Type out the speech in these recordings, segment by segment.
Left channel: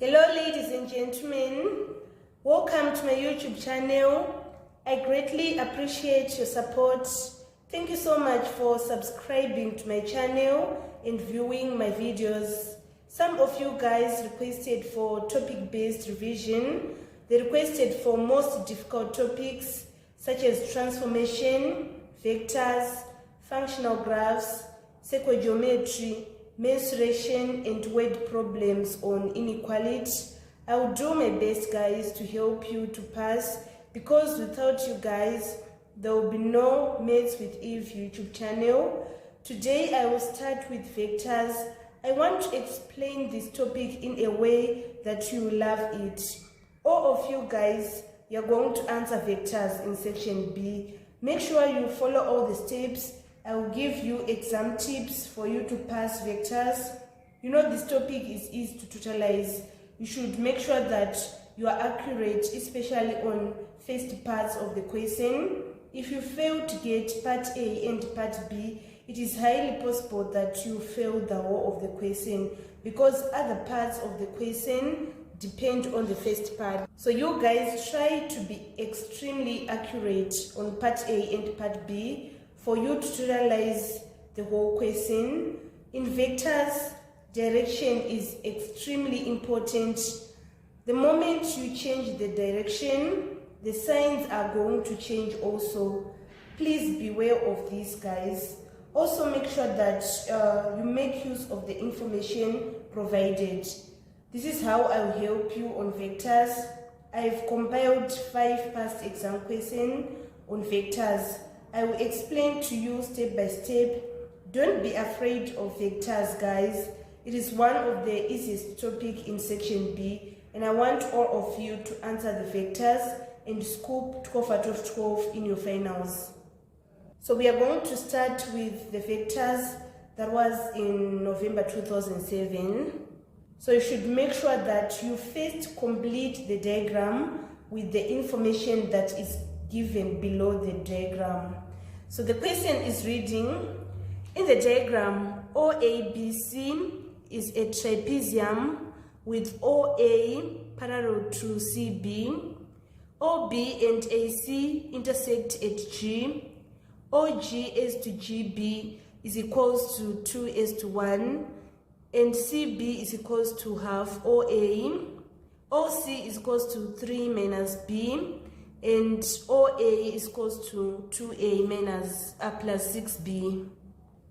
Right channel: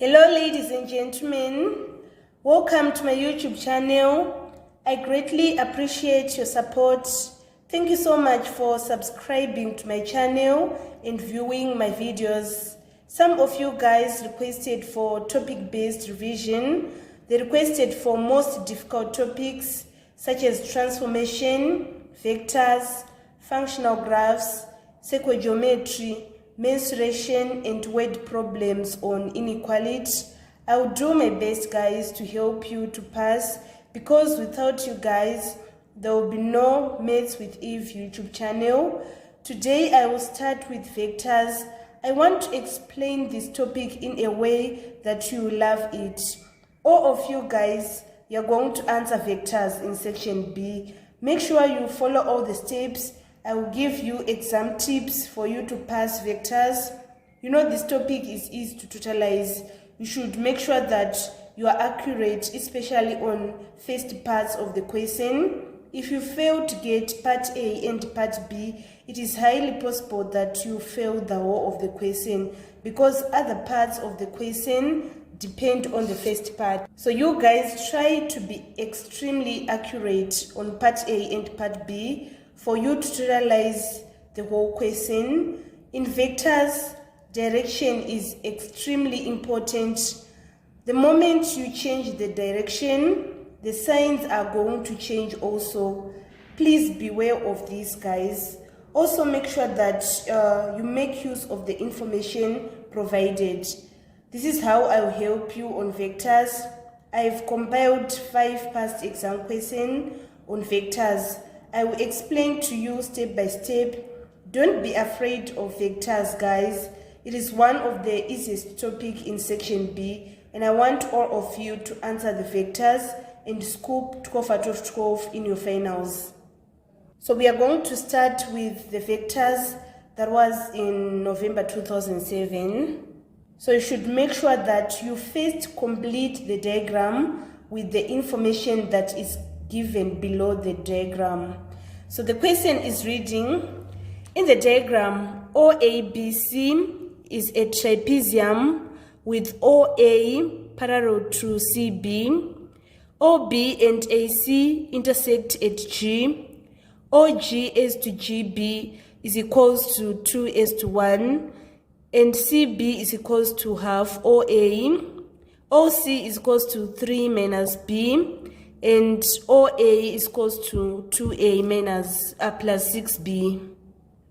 Hello ladies and gentlemen, welcome to my YouTube channel. I greatly appreciate your support. Thank you so much for subscribing to my channel and viewing my videos. Some of you guys requested for topic-based revision. They requested for most difficult topics such as transformation, vectors, functional graphs, sequogeometry, mensuration, and word problems on inequality. I will do my best, guys, to help you to pass, because without you guys there will be no Maths with Eve YouTube channel. Today I will start with vectors. I want to explain this topic in a way that you will love it. All of you guys, you're going to answer vectors in section B. Make sure you follow all the steps. I will give you exam tips for you to pass vectors. You know, this topic is easy to totalize. You should make sure that you are accurate, especially on first parts of the question. If you fail to get part A and part B, it is highly possible that you fail the whole of the question, because other parts of the question depend on the first part. So you guys try to be extremely accurate on part A and part B for you to totalize the whole question. In vectors, direction is extremely important. The moment you change the direction, the signs are going to change also. Please beware of this, guys. Also make sure that you make use of the information provided. This is how I will help you on vectors. I've compiled 5 past exam questions on vectors. I will explain to you step by step. Don't be afraid of vectors, guys. It is one of the easiest topics in section B, and I want all of you to answer the vectors and scoop 12 out of 12 in your finals. So we are going to start with the vectors that was in November 2007. So you should make sure that you first complete the diagram with the information that is given below the diagram. So the question is reading, in the diagram, OABC is a trapezium with OA parallel to CB, OB and AC intersect at G, OG as to GB is equals to 2:1, and CB is equals to half OA, OC is equals to 3 minus B, and OA is equals to 2A minus plus 6B.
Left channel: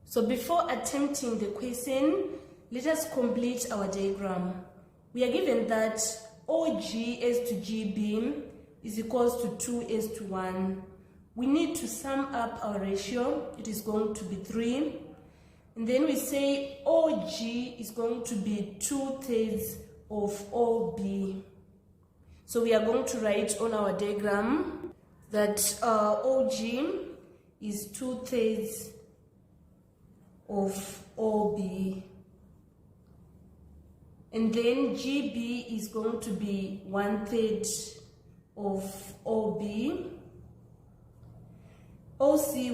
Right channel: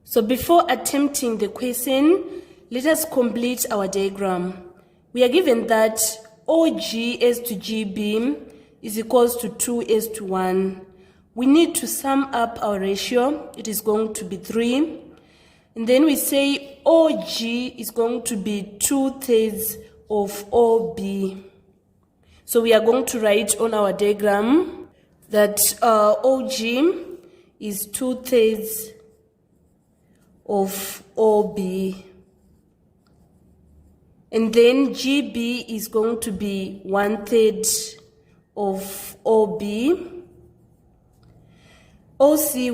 So before attempting the question, let us complete our diagram. We are given that OG as to GB is equals to 2:1. We need to sum up our ratio. It is going to be 3. And then we say OG is going to be 2/3 of OB. So we are going to write on our diagram that OG is 2/3 of OB. And then GB is going to be 1/3 of OB. OC,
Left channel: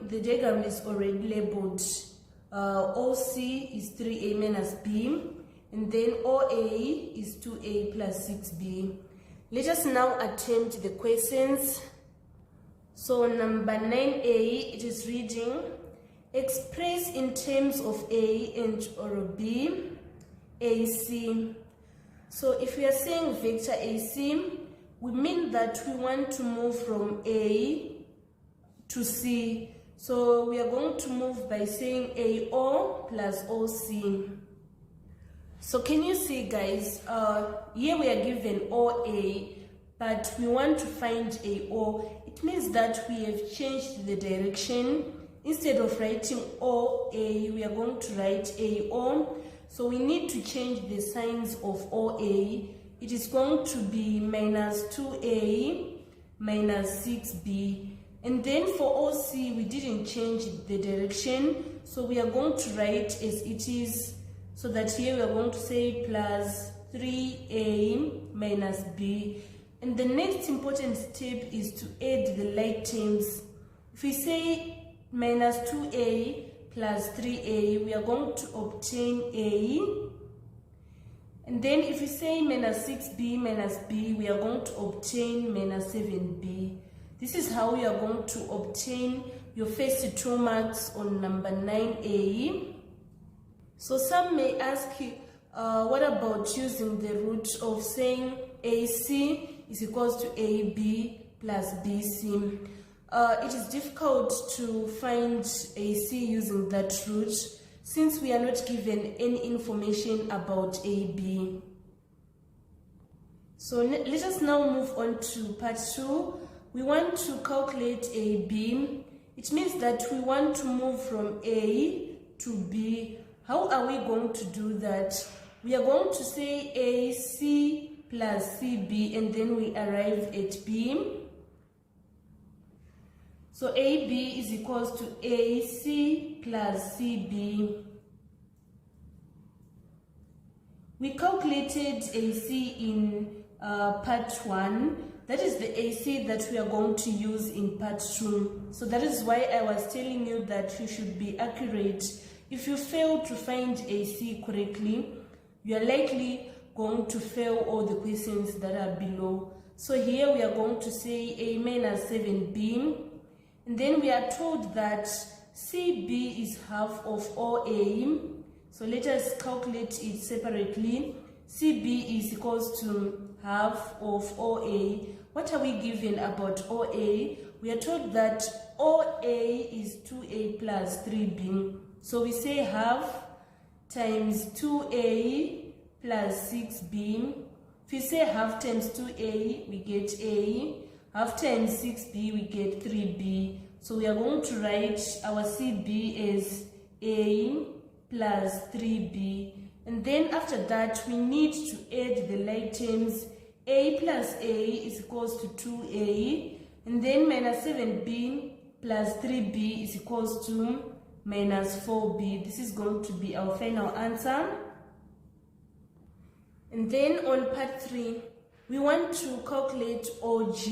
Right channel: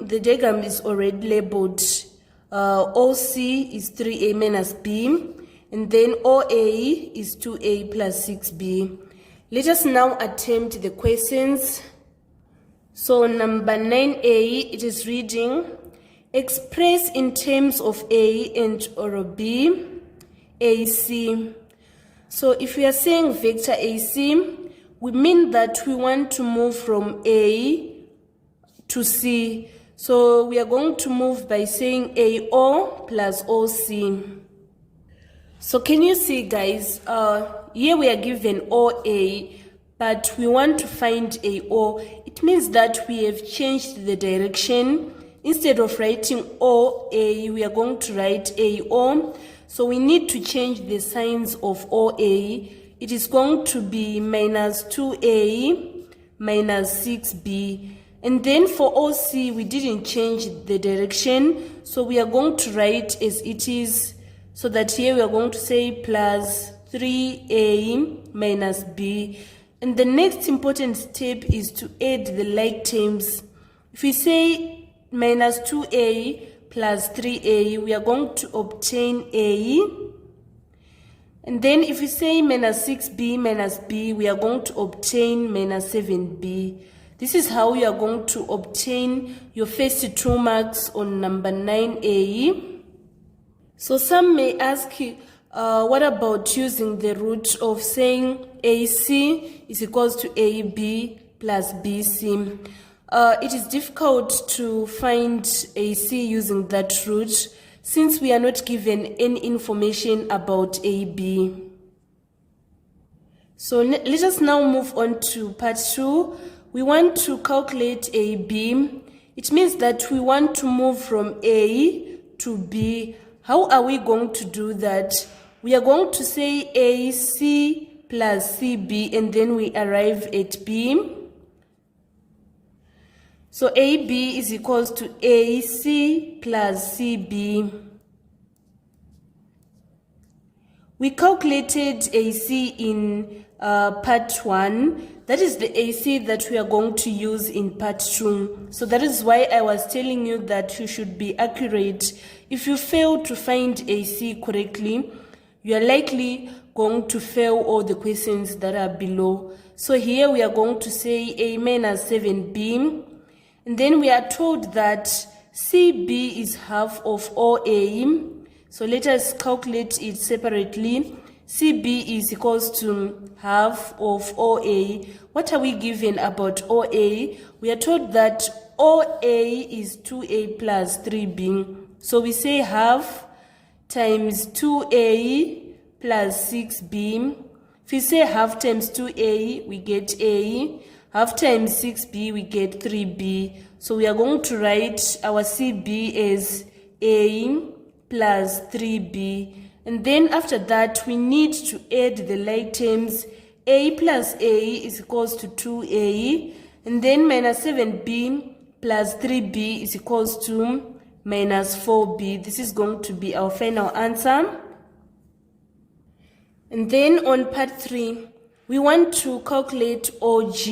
the diagram is already labeled. OC is 3A minus B. And then OA is 2A plus 6B. Let us now attempt the questions. So number 9A, it is reading, express in terms of A and or B, AC. So if we are saying vector AC, we mean that we want to move from A to C. So we are going to move by saying AO plus OC. So can you see, guys, here we are given OA, but we want to find AO. It means that we have changed the direction. Instead of writing OA, we are going to write AO. So we need to change the signs of OA. It is going to be minus 2A minus 6B. And then for OC, we didn't change the direction. So we are going to write as it is. So that here we are going to say plus 3A minus B. And the next important step is to add the like terms. If we say minus 2A plus 3A, we are going to obtain A. And then if we say minus 6b minus b, we are going to obtain minus 7b. This is how you are going to obtain your first 2 marks on number 9a. So some may ask you, what about using the root of saying AC is equals to AB plus BC? It is difficult to find AC using that root since we are not given any information about AB. So let us now move on to part 2. We want to calculate AB. It means that we want to move from A to B. How are we going to do that? We are going to say AC plus CB and then we arrive at B. So AB is equals to AC plus CB. We calculated AC in part 1. That is the AC that we are going to use in part 2. So that is why I was telling you that you should be accurate. If you fail to find AC correctly, you are likely going to fail all the questions that are below. So here we are going to say A minus 7B. And then we are told that CB is half of OA. So let us calculate it separately. CB is equals to half of OA. What are we given about OA? We are told that OA is 2A plus 3B. So we say half times 2A plus 6B. If we say half times 2A, we get A. Half times 6B, we get 3B. So we are going to write our CB as A plus 3B. And then after that, we need to add the like terms. A plus A is equals to 2A. And then minus 7B plus 3B is equals to minus 4B. This is going to be our final answer. And then on part 3, we want to calculate OG.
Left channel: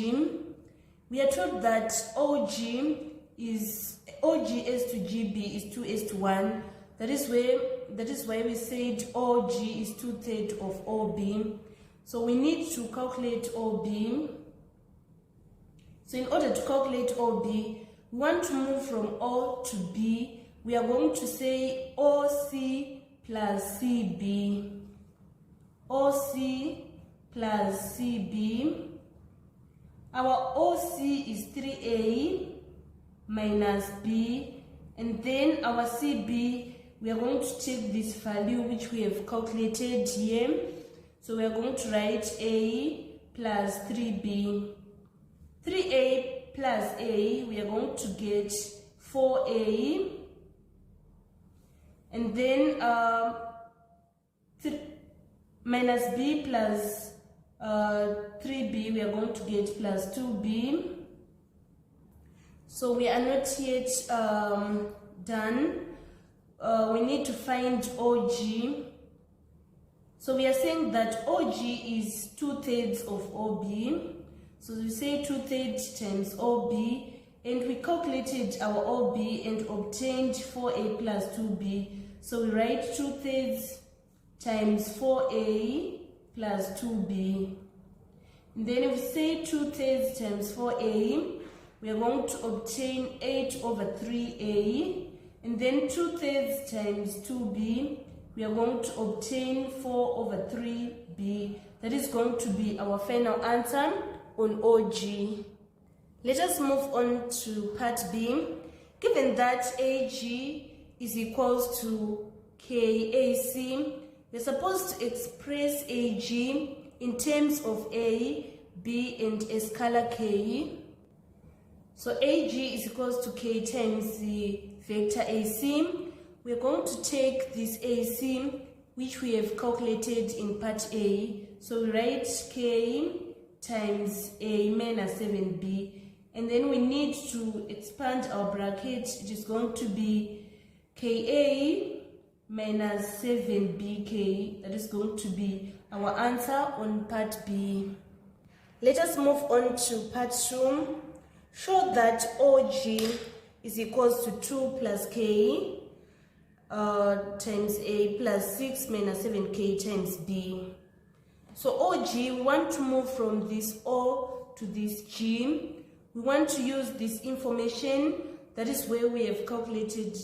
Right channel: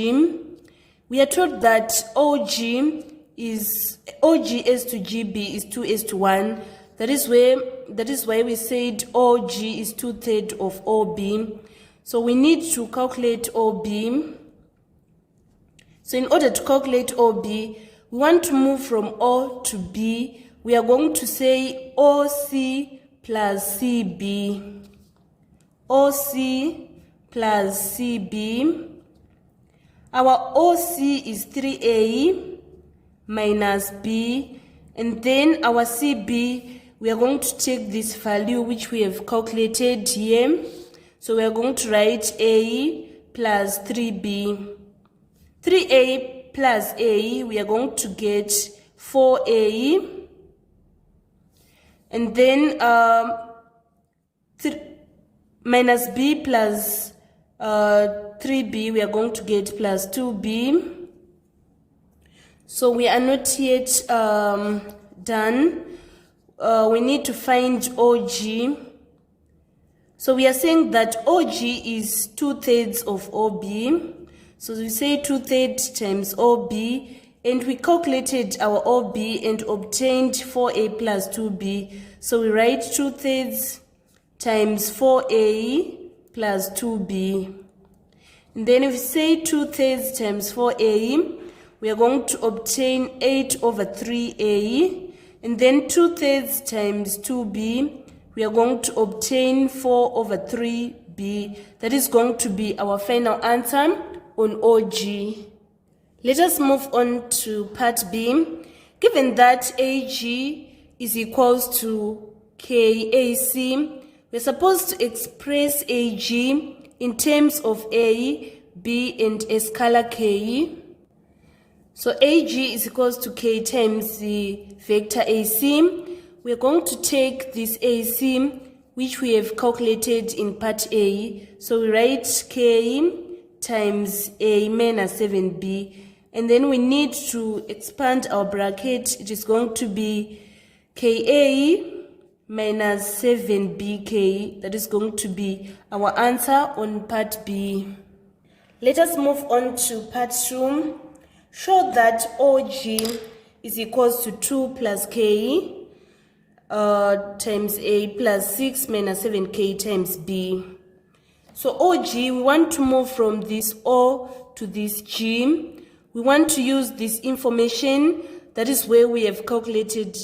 We are told that OG as to GB is 2:1. That is why we said OG is 2/3 of OB. So we need to calculate OB. So in order to calculate OB, we want to move from O to B. We are going to say OC plus CB. OC plus CB. Our OC is 3A minus B. And then our CB, we are going to take this value which we have calculated here. So we are going to write A plus 3B. 3A plus A, we are going to get 4A. And then minus B plus 3B, we are going to get plus 2B. So we are not yet done. We need to find OG. So we are saying that OG is 2/3 of OB. So we say 2/3 times OB, and we calculated our OB and obtained 4A plus 2B. So we write 2/3 times 4A plus 2B. And then if we say 2/3 times 4A, we are going to obtain 8/3A. And then 2/3 times 2B, we are going to obtain 4/3B. That is going to be our final answer on OG. Let us move on to part B. Given that AG is equals to KAC, we're supposed to express AG in terms of A, B, and a scalar K. So AG is equals to K times the vector AC. We're going to take this AC, which we have calculated in part A. So we write K times A minus 7B. And then we need to expand our bracket. It is going to be KA minus 7BK. That is going to be our answer on part B. Let us move on to part 2. Show that OG is equals to 2 plus K. times A plus 6 minus 7K times B. So OG, we want to move from this O to this G. We want to use this information. That is where we have calculated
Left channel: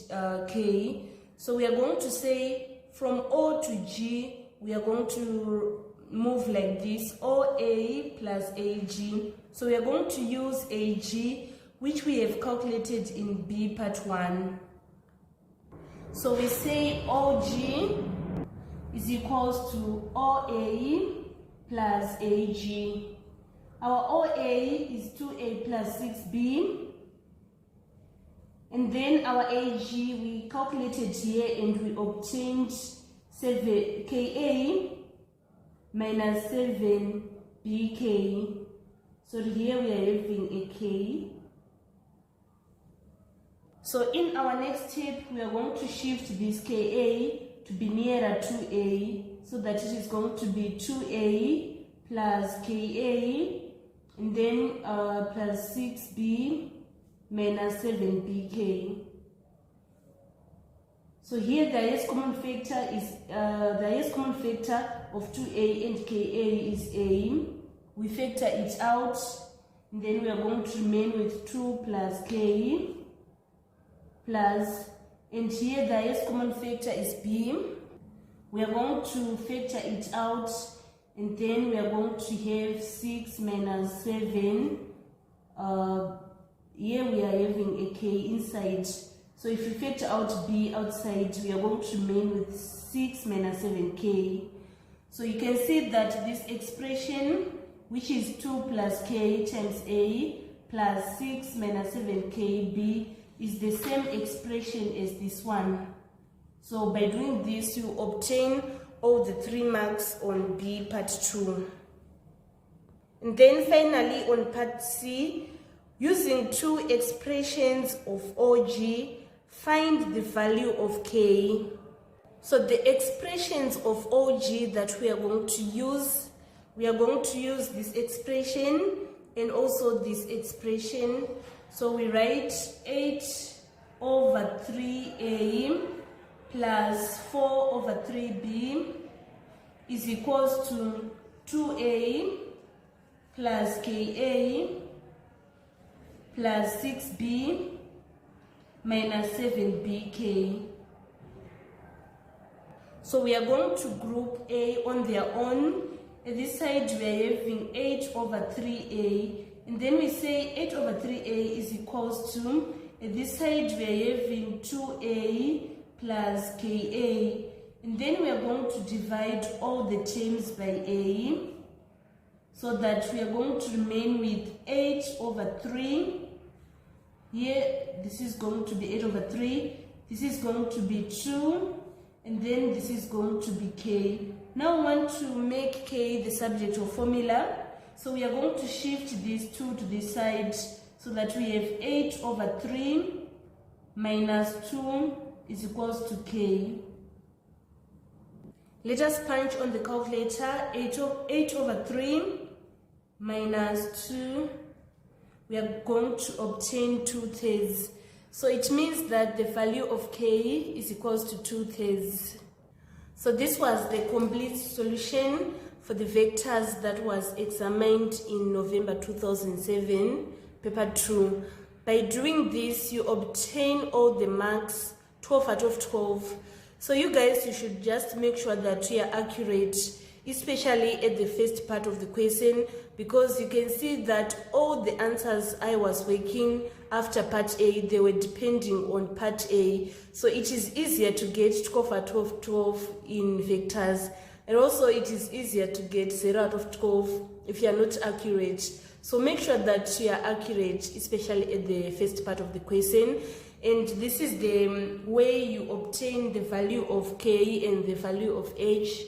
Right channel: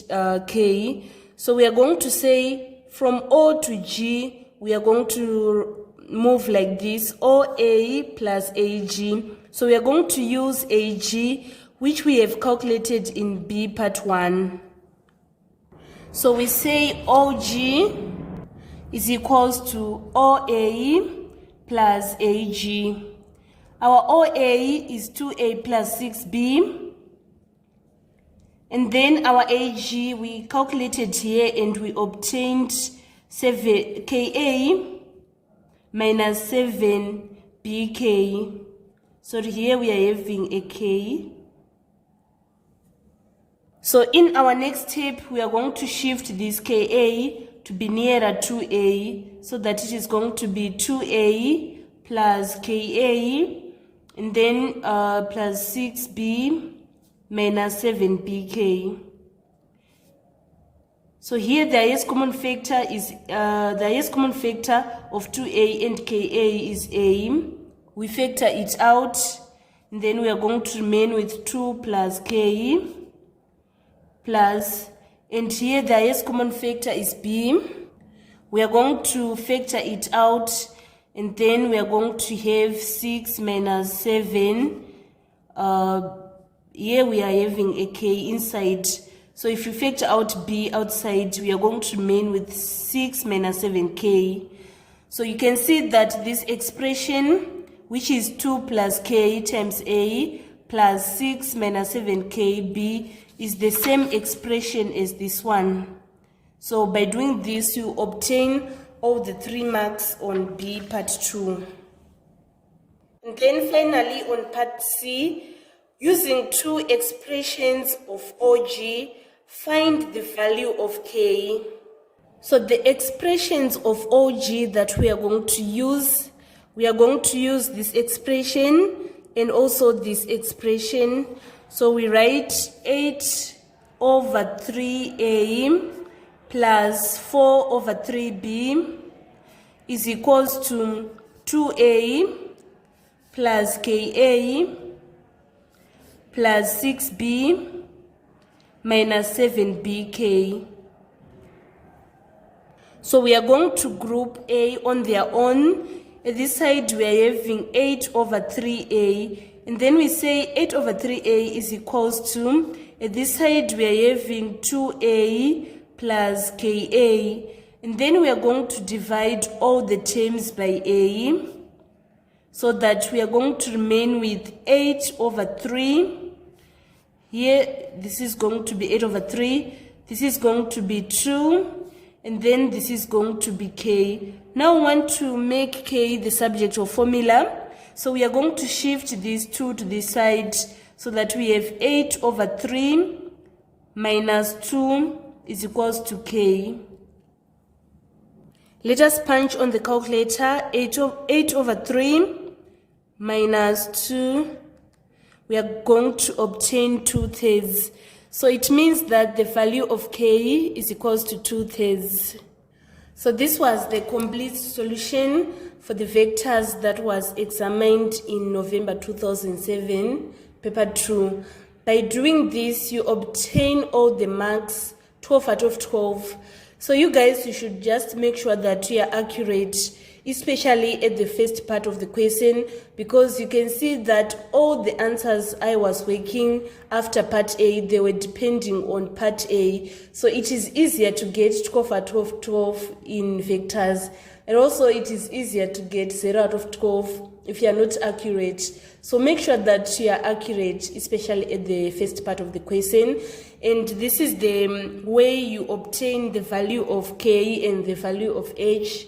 K. So we are going to say from O to G, we are going to move like this, OA plus AG. So we are going to use AG, which we have calculated in B part 1. So we say OG is equals to OA plus AG. Our OA is 2A plus 6B. And then our AG we calculated here and we obtained 7 KA minus 7BK. So here we are having a K. So in our next step, we are going to shift this KA to be nearer to A, so that it is going to be 2A plus KA, and then plus 6B minus 7BK. So here the highest common factor is the highest common factor of 2A and KA is A. We factor it out, and then we are going to remain with 2 plus K plus, and here the highest common factor is B. We are going to factor it out, and then we are going to have 6 minus 7. Here we are having a K inside. So if you factor out B outside, we are going to remain with 6 minus 7K. So you can see that this expression, which is 2 plus K times A plus 6 minus 7KB, is the same expression as this one. So by doing this, you obtain all the 3 marks on B part 2. And then finally on part C, using 2 expressions of OG, find the value of K. So the expressions of OG that we are going to use this expression and also this expression. So we write 8 over 3A plus 4 over 3B is equals to 2A plus KA plus 6B minus 7BK. So we are going to group A on their own. At this side we are having 8 over 3A, and then we say 8 over 3A is equals to, at this side we are having 2A plus KA, and then we are going to divide all the terms by A, so that we are going to remain with 8 over 3. Here this is going to be 8 over 3, this is going to be 2, and then this is going to be K. Now we want to make K the subject of formula, so we are going to shift these 2 to this side, so that we have 8 over 3 minus 2 is equals to K. Let us punch on the calculator. 8 over 3 minus 2, we are going to obtain 2/3. So it means that the value of K is equals to 2/3. So this was the complete solution for the vectors that was examined in November 2007, paper 2. By doing this, you obtain all the marks, 12 out of 12. So you guys, you should just make sure that you are accurate, especially at the first part of the question, because you can see that all the answers I was working after part A, they were depending on part A. So it is easier to get 12 out of 12 in vectors, and also it is easier to get 0 out of 12 if you are not accurate. So make sure that you are accurate, especially at the first part of the question. And this is the way you obtain the value of K and the value of H.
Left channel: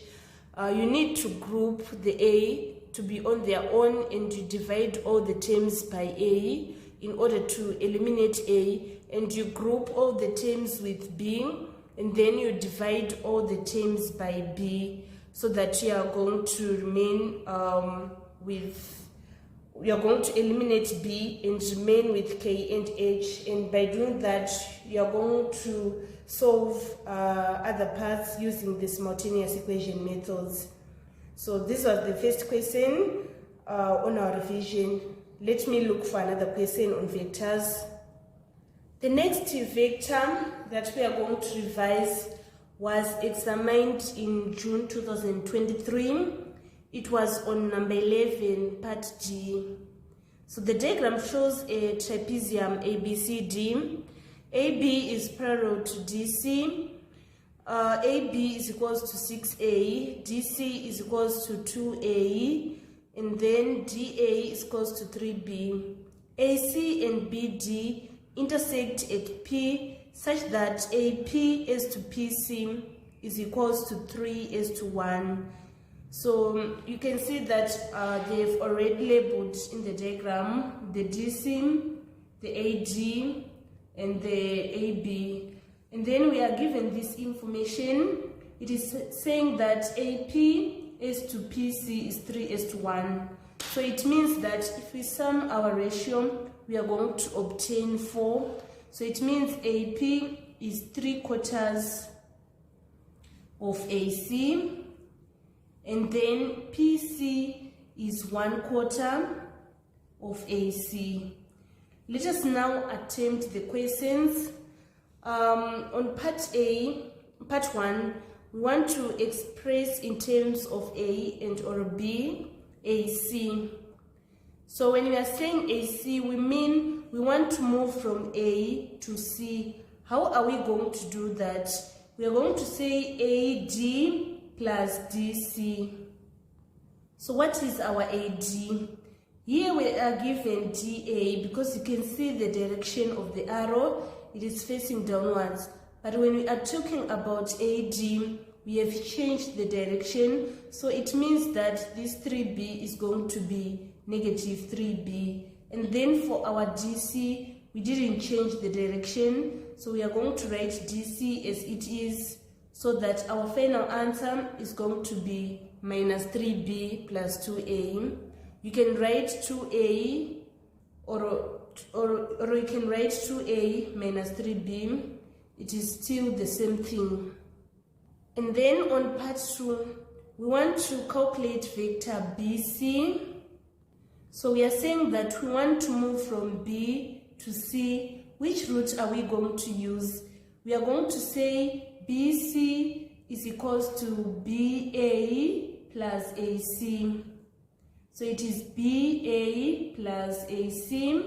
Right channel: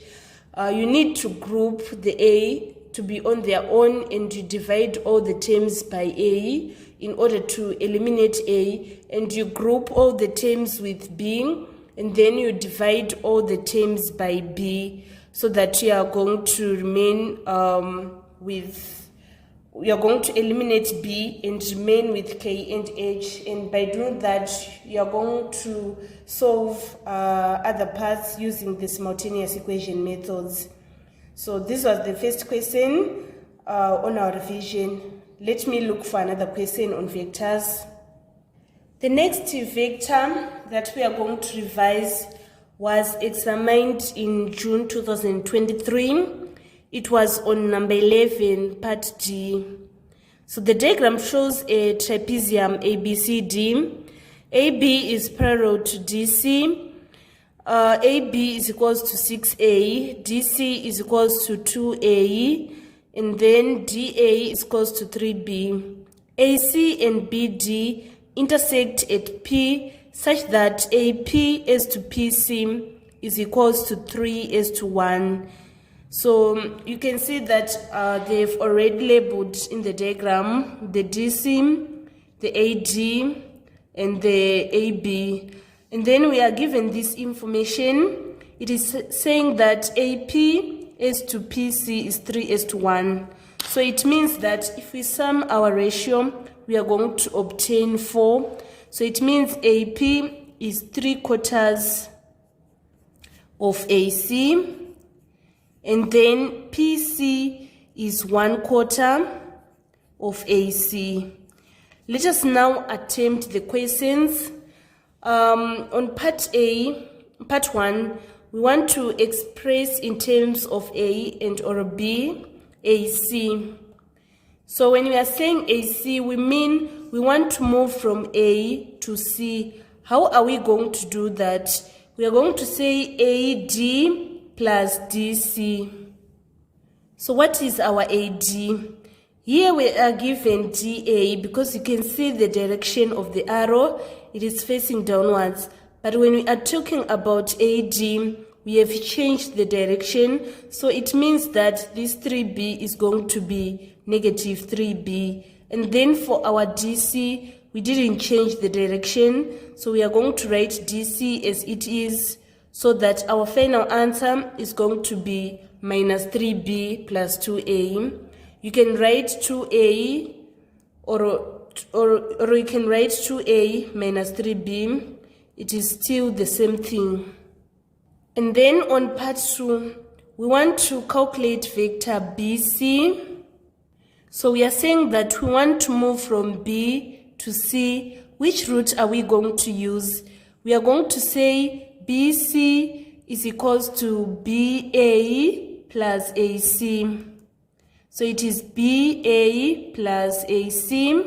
You need to group the A to be on their own, and you divide all the terms by A in order to eliminate A, and you group all the terms with B, and then you divide all the terms by B, so that you are going to remain with we are going to eliminate B and remain with K and H, and by doing that you are going to solve other parts using the simultaneous equation methods. So this was the first question on our revision. Let me look for another question on vectors. The next vector that we are going to revise was examined in June 2023. It was on number 11, part D. So the diagram shows a trapezium ABCD. AB is parallel to DC. AB is equals to 6A. DC is equals to 2A. And then DA is equals to 3B. AC and BD intersect at P such that AP as to PC is equals to 3 as to 1. So you can see that they've already labeled in the diagram the DC, the AD, and the AB. And then we are given this information. It is saying that AP as to PC is 3 as to 1. So it means that if we sum our ratio, we are going to obtain 4. So it means AP is 3/4 of AC. And then PC is 1/4 of AC. Let us now attempt the questions. On part A, part 1, we want to express in terms of A and or B, AC. So when we are saying AC, we mean we want to move from A to C. How are we going to do that? We are going to say AD plus DC. So what is our AD? Here we are given DA because you can see the direction of the arrow, it is facing downwards. But when we are talking about AD, we have changed the direction, so it means that this 3B is going to be negative 3B. And then for our DC, we didn't change the direction, so we are going to write DC as it is, so that our final answer is going to be minus 3B plus 2A. You can write 2A or you can write 2A minus 3B. It is still the same thing. And then on part 2, we want to calculate vector BC. So we are saying that we want to move from B to C. Which route are we going to use? We are going to say BC is equals to BA plus AC. So it is BA plus AC.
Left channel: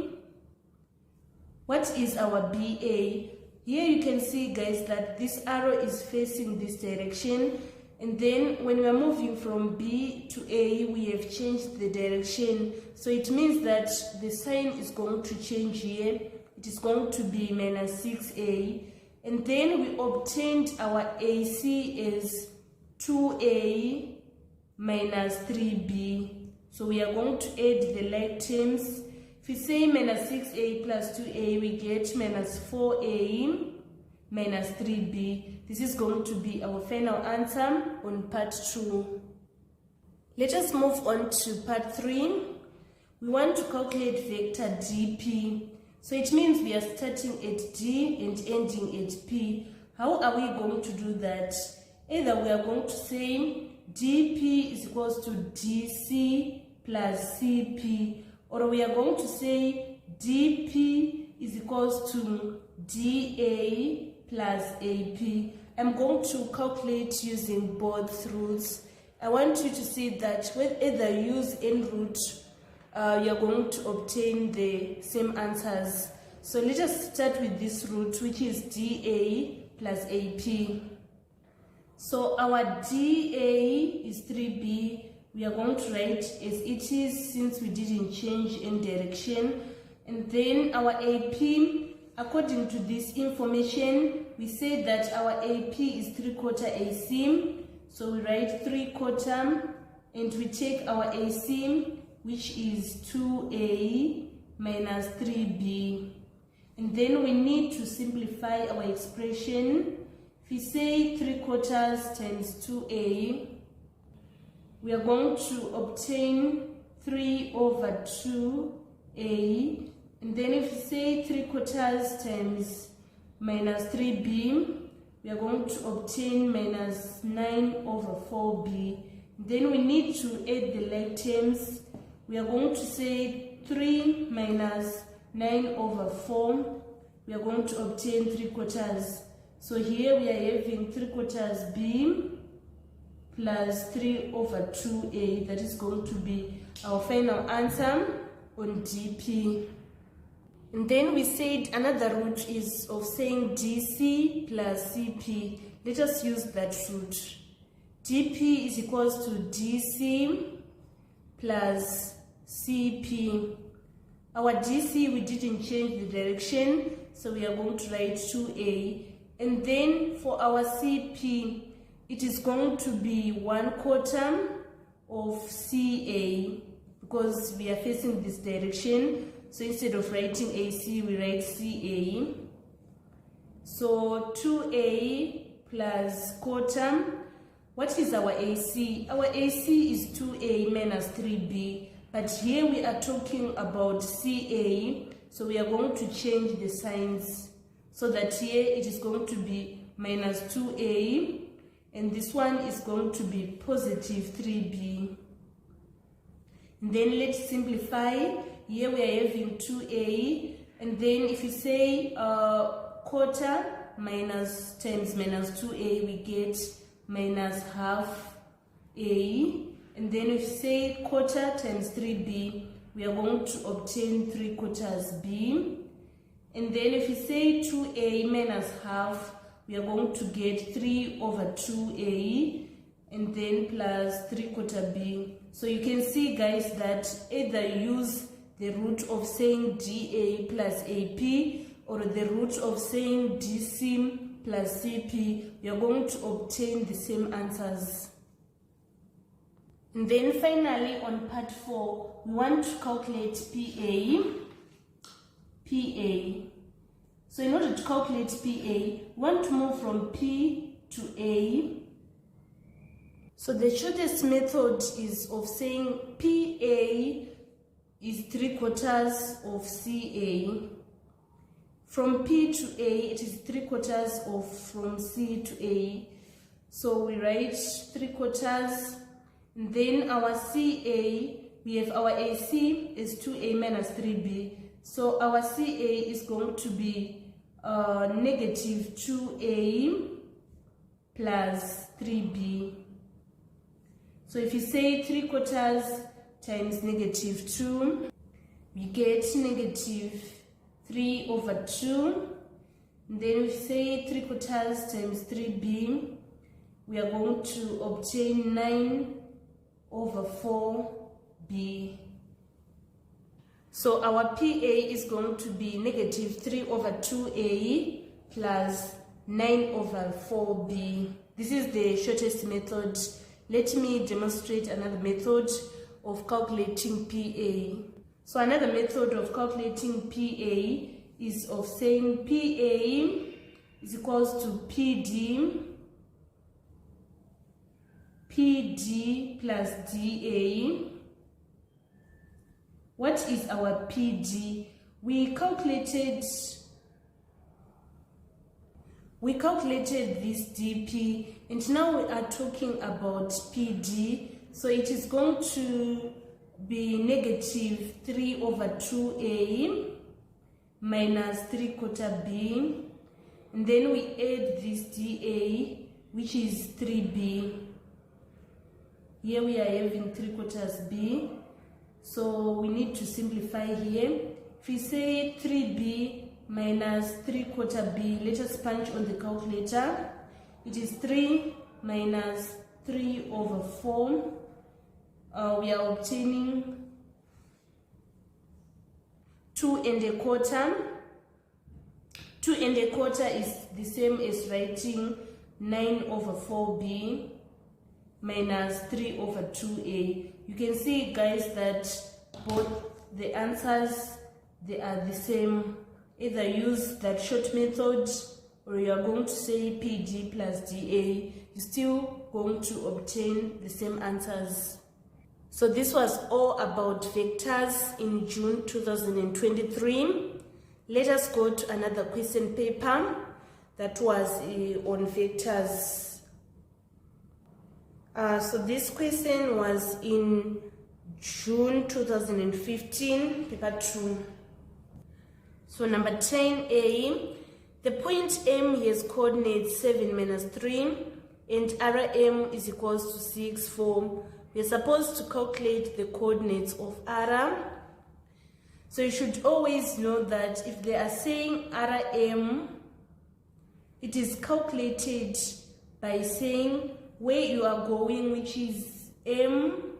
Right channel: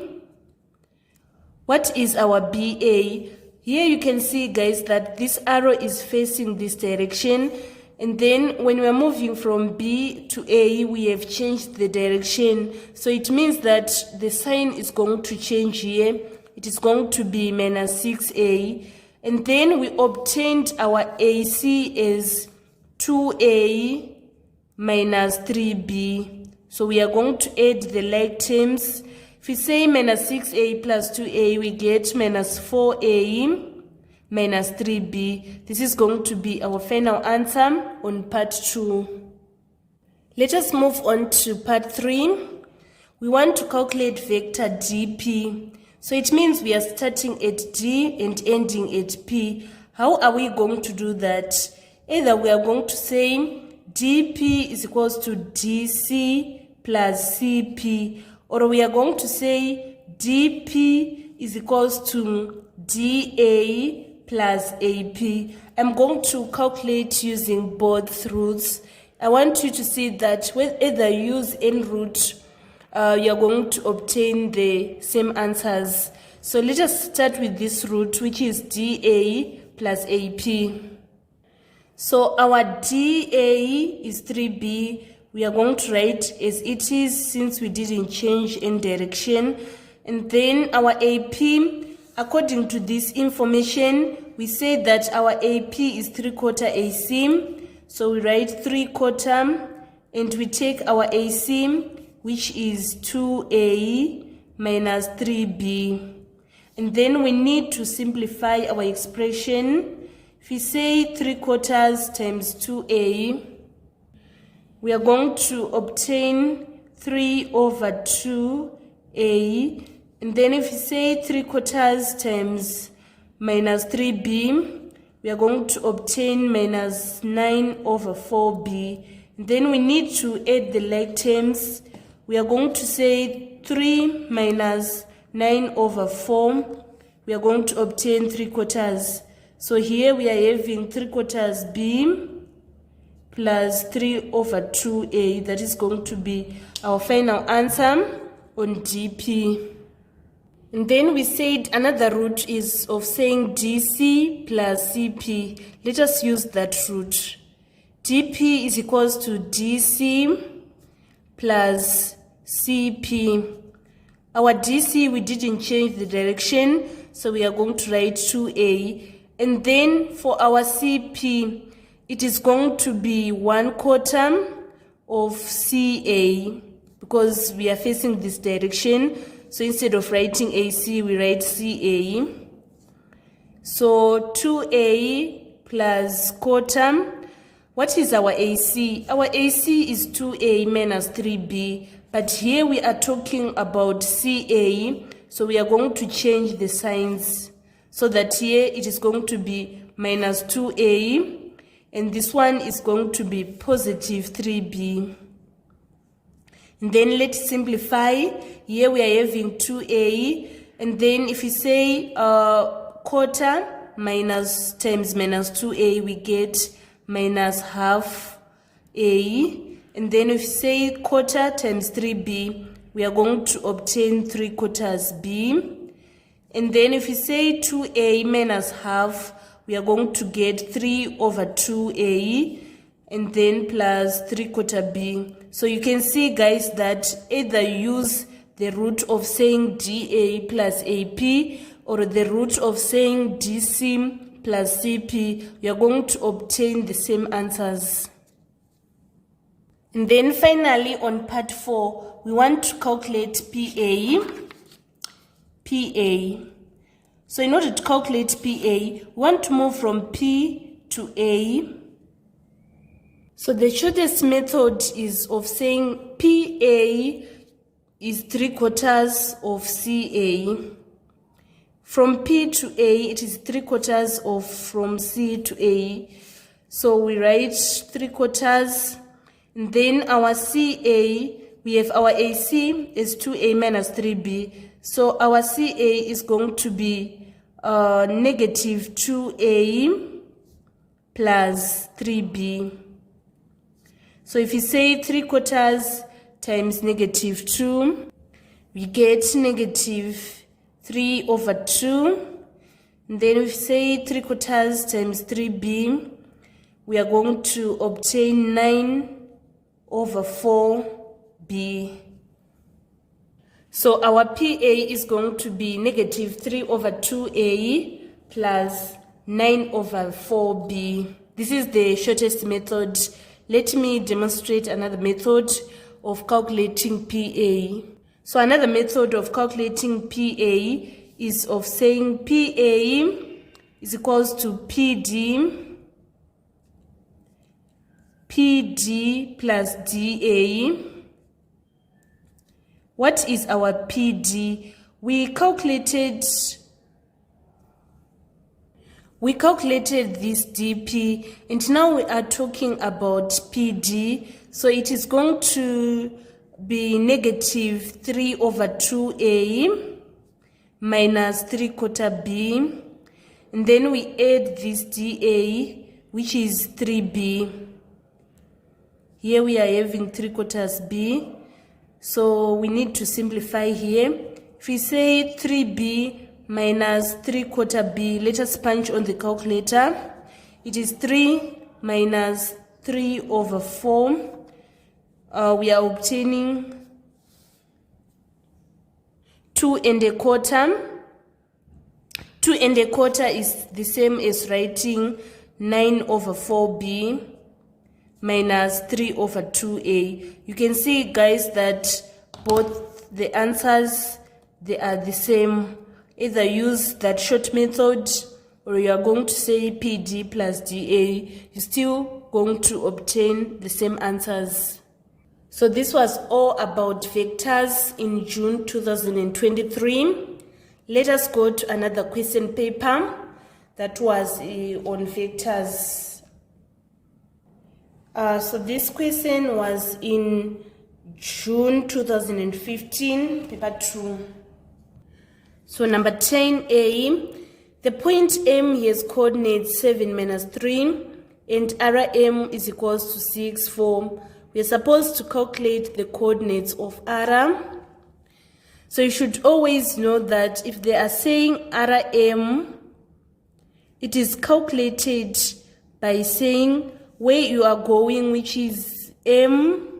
What is our BA? Here you can see, guys, that this arrow is facing this direction. And then when we are moving from B to A, we have changed the direction. So it means that the sign is going to change here. It is going to be minus 6A. And then we obtained our AC as 2A minus 3B. So we are going to add the like terms. If we say minus 6A plus 2A, we get minus 4A minus 3B. This is going to be our final answer on part 2. Let us move on to part 3. We want to calculate vector DP. So it means we are starting at D and ending at P. How are we going to do that? Either we are going to say DP is equals to DC plus CP, or we are going to say DP is equals to DA plus AP. I'm going to calculate using both routes. I want you to see that whether you use any route, you're going to obtain the same answers. So let us start with this route, which is DA plus AP. So our DA is 3B. We are going to write as it is since we didn't change any direction. And then our AP, according to this information, we say that our AP is 3/4 AC. So we write 3/4 and we take our AC, which is 2A minus 3B. And then we need to simplify our expression. If we say 3/4 times 2A, we are going to obtain 3/2a. And then if you say 3/4 times minus 3b, we are going to obtain minus 9/4b. And then we need to add the like terms. We are going to say 3 minus 9/4. We are going to obtain 3/4. So here we are having 3/4b plus 3/2a. That is going to be our final answer on DP. And then we said another root is of saying DC plus CP. Let us use that root. DP is equals to DC plus CP. Our DC, we didn't change the direction, so we are going to write 2a. And then for our CP, it is going to be 1/4 of CA, because we are facing this direction. So instead of writing AC, we write CA. So 2a plus quarter. What is our AC? Our AC is 2a minus 3b. But here we are talking about CA. So we are going to change the signs. So that here it is going to be minus 2a. And this one is going to be positive 3b. And then let's simplify. Here we are having 2a. And then if you say quarter minus times minus 2a, we get minus half a. And then if you say quarter times 3b, we are going to obtain 3/4 b. And then if you say 2a minus half, we are going to get 3/2a, and then plus 3/4 b. So you can see, guys, that either use the root of saying DA plus AP or the root of saying DC plus CP, you are going to obtain the same answers. And then finally on part 4, we want to calculate PA. So in order to calculate PA, we want to move from P to A. So the shortest method is of saying PA is 3/4 of CA. From P to A, it is 3/4 of from C to A. So we write 3/4. And then our CA, we have our AC is 2A minus 3B. So our CA is going to be negative 2A plus 3B. So if you say 3/4 times negative 2, we get negative 3/2. And then if you say 3/4 times 3B, we are going to obtain 9/4B. So our PA is going to be negative 3/2A plus 9/4B. This is the shortest method. Let me demonstrate another method of calculating PA. So another method of calculating PA is of saying PA is equals to PD plus DA. What is our PD? We calculated this DP, and now we are talking about PD. So it is going to be negative 3/2A minus 3/4B. And then we add this DA, which is 3B. Here we are having 3/4 B. So we need to simplify here. If we say 3B minus 3/4 B, let us punch on the calculator. It is 3 minus 3/4. We are obtaining 2 1/4. 2 1/4 is the same as writing 9/4B minus 3/2A. You can see, guys, that both the answers, they are the same. Either use that short method or you are going to say PD plus DA. You're still going to obtain the same answers. So this was all about vectors in June 2023. Let us go to another question paper that was on vectors. So this question was in June 2015, paper 2. So number 10A, the point M has coordinates 7 minus 3 and RM is equals to 6, 4. We are supposed to calculate the coordinates of R. So you should always know that if they are saying RM, it is calculated by saying where you are going, which is M,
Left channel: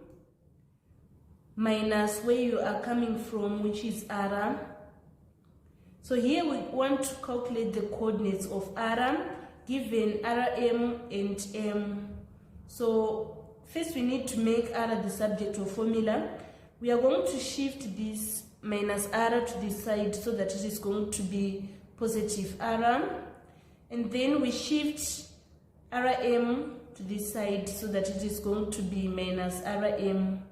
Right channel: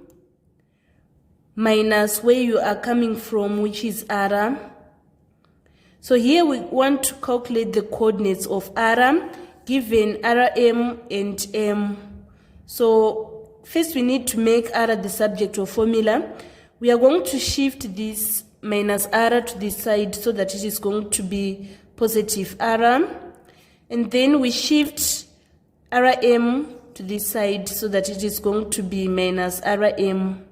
minus where you are coming from, which is R. So here we want to calculate the coordinates of R given RM and M. So first we need to make R the subject of formula. We are going to shift this minus R to this side so that it is going to be positive R. And then we shift RM to this side so that it is going to be minus RM.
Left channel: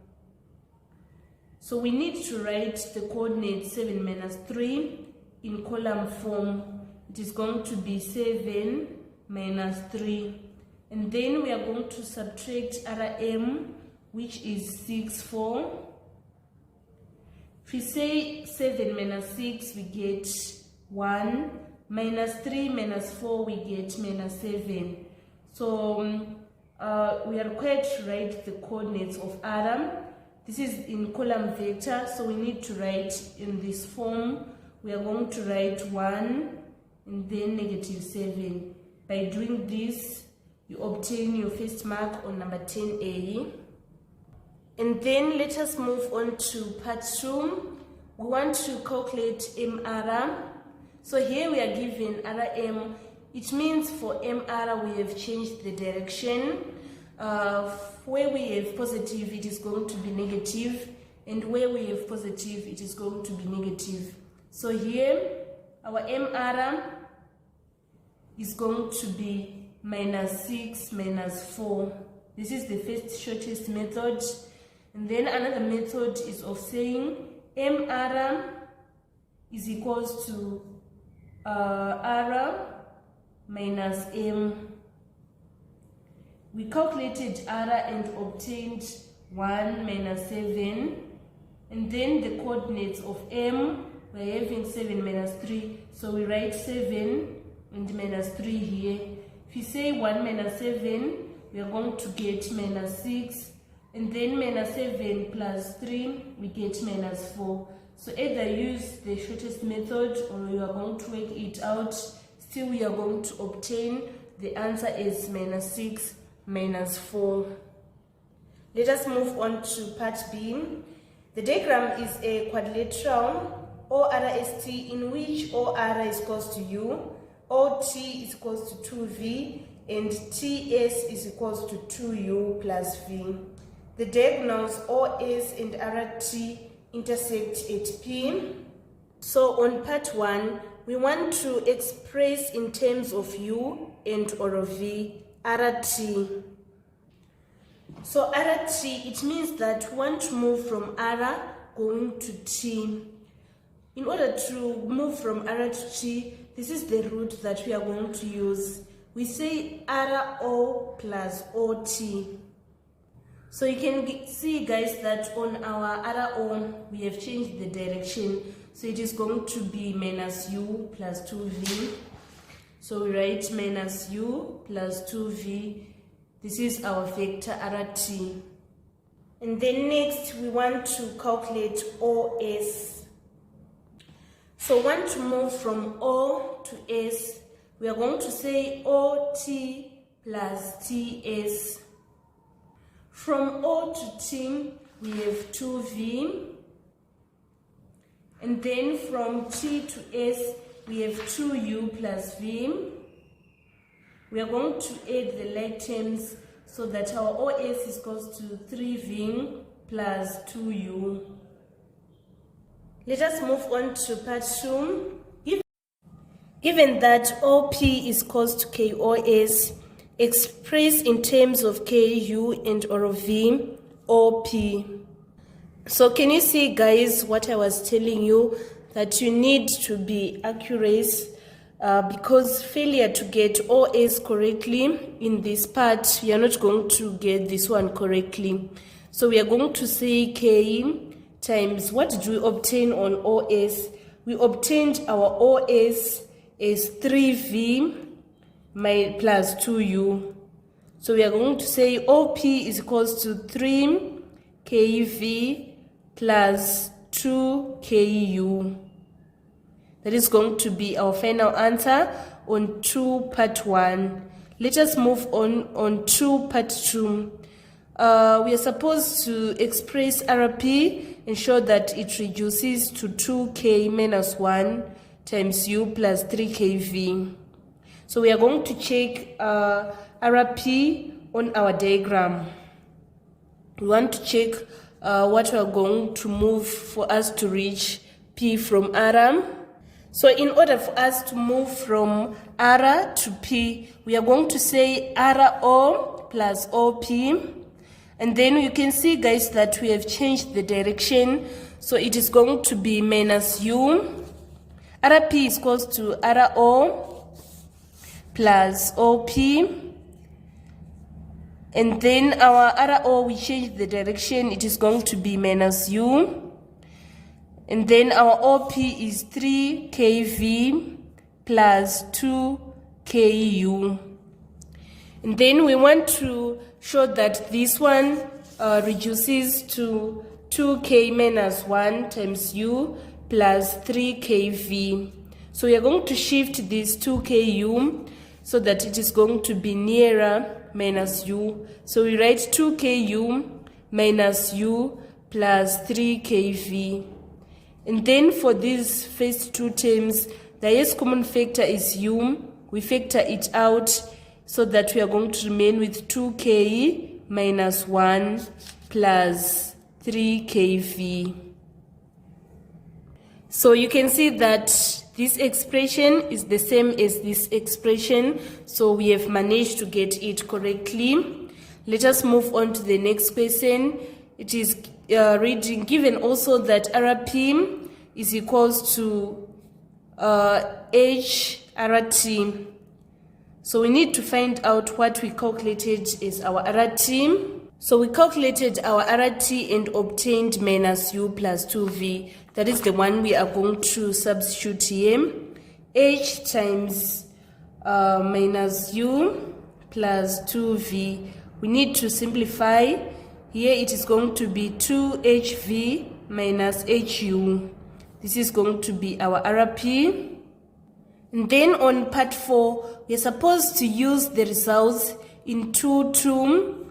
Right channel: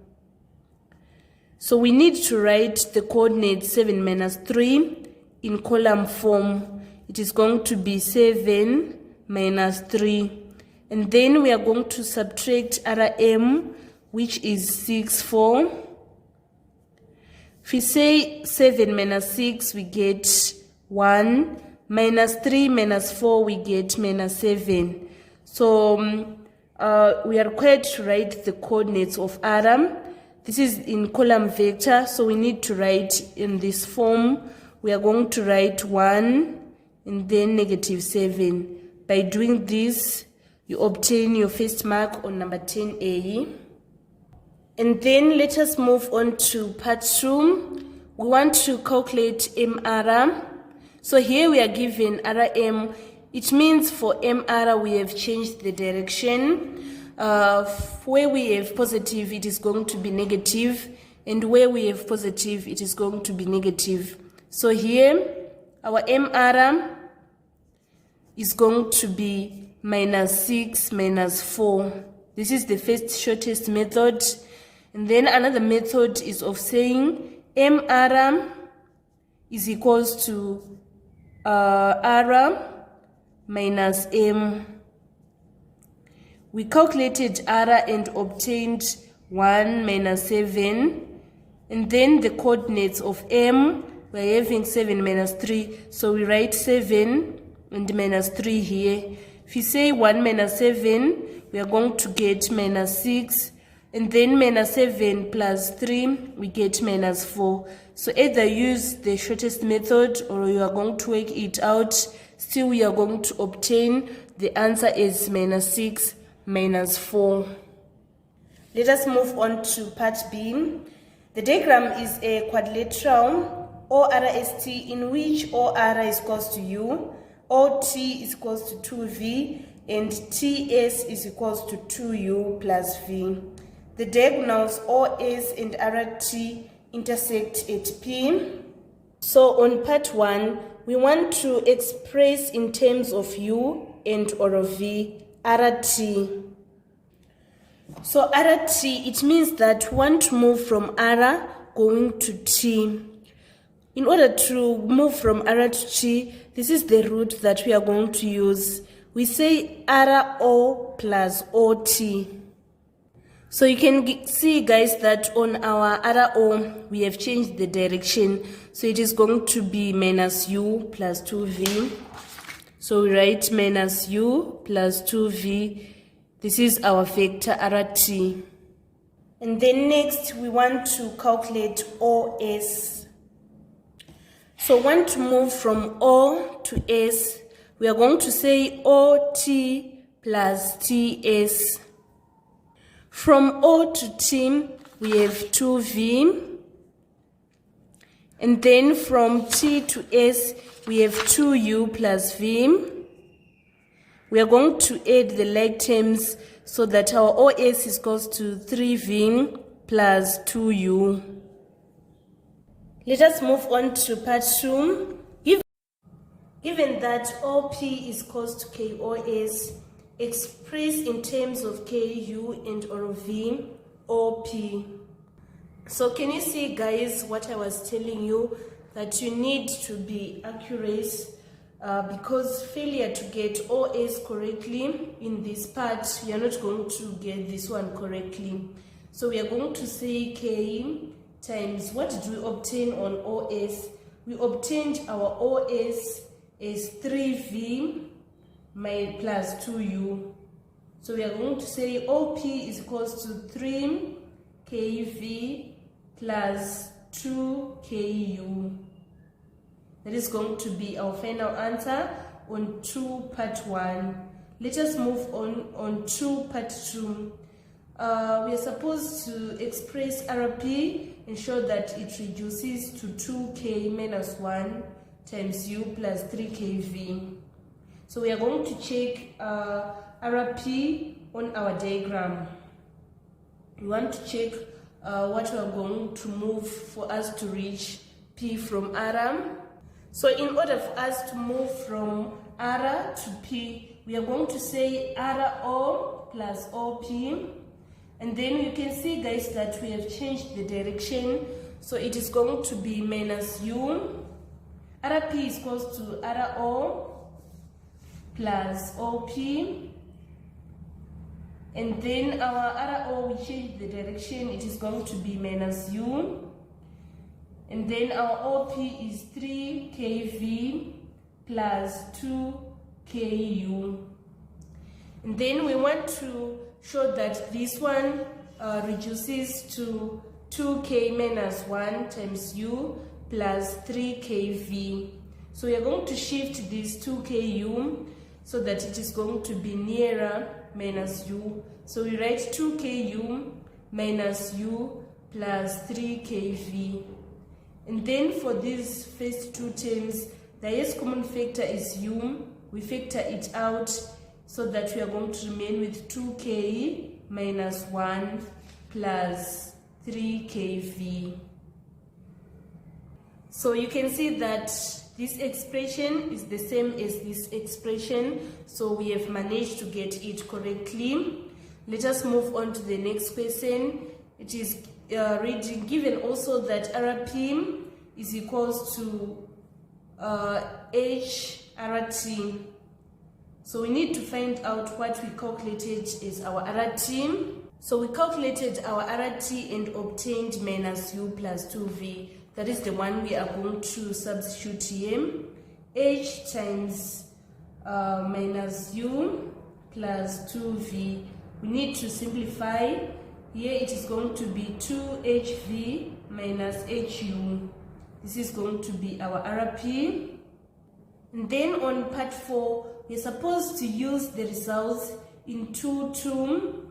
So we need to write the coordinates 7 minus 3 in column form. It is going to be 7 minus 3. And then we are going to subtract RM, which is 6, 4. If we say 7 minus 6, we get 1. Minus 3 minus 4, we get minus 7. So we are required to write the coordinates of RM. This is in column vector, so we need to write in this form. We are going to write 1 and then negative 7. By doing this, you obtain your first mark on number 10A. And then let us move on to part 2. We want to calculate MR. So here we are given RM. It means for MR we have changed the direction. Where we have positive, it is going to be negative. And where we have positive, it is going to be negative. So here, our MR is going to be minus 6 minus 4. This is the first shortest method. And then another method is of saying MR is equals to R minus M. We calculated R and obtained 1 minus 7. And then the coordinates of M, we're having 7 minus 3. So we write 7 and minus 3 here. If you say 1 minus 7, we are going to get minus 6. And then minus 7 plus 3, we get minus 4. So either use the shortest method or you are going to work it out. Still, we are going to obtain the answer is minus 6 minus 4. Let us move on to part B. The diagram is a quadrilateral ORST in which OR is equals to U, OT is equals to 2V, and TS is equals to 2U plus V. The diagonals OS and RT intersect at P. So on part 1, we want to express in terms of U and or V, RT. So RT, it means that we want to move from R going to T. In order to move from R to T, this is the route that we are going to use. We say RO plus OT. So you can see, guys, that on our RO, we have changed the direction. So it is going to be minus U plus 2V. So we write minus U plus 2V. This is our vector RT. And then next, we want to calculate OS. So we want to move from O to S. We are going to say OT plus TS. From O to T, we have 2V. And then from T to S, we have 2U plus V. We are going to add the like terms so that our OS is equals to 3V plus 2U. Let us move on to part 2. Given that OP is equals to KOS, expressed in terms of KU and or V, OP. So can you see, guys, what I was telling you, that you need to be accurate, because failure to get OS correctly in this part, you are not going to get this one correctly. So we are going to say K times, what did we obtain on OS? We obtained our OS as 3V plus 2U. So we are going to say OP is equals to 3KV plus 2KU. That is going to be our final answer on 2 part 1. Let us move on 2 part 2. We are supposed to express RP and show that it reduces to 2K minus 1 times U plus 3KV. So we are going to check RP on our diagram. We want to check what we are going to move for us to reach P from R. So in order for us to move from R to P, we are going to say RO plus OP. And then you can see, guys, that we have changed the direction. So it is going to be minus U. RP is equals to RO plus OP. And then our RO, we change the direction. It is going to be minus U. And then our OP is 3KV plus 2KU. And then we want to show that this one reduces to 2K minus 1 times U plus 3KV. So we are going to shift this 2KU so that it is going to be nearer minus U. So we write 2KU minus U plus 3KV. And then for these first two terms, the highest common factor is U. We factor it out so that we are going to remain with 2K minus 1 plus 3KV. So you can see that this expression is the same as this expression. So we have managed to get it correctly. Let us move on to the next question. It is reading, given also that RP is equals to HRT. So we need to find out what we calculated as our RT. So we calculated our RT and obtained minus U plus 2V. That is the one we are going to substitute here. H times minus U plus 2V. We need to simplify. Here it is going to be 2HV minus HU. This is going to be our RP. And then on part 4, we are supposed to use the results in 2, 2,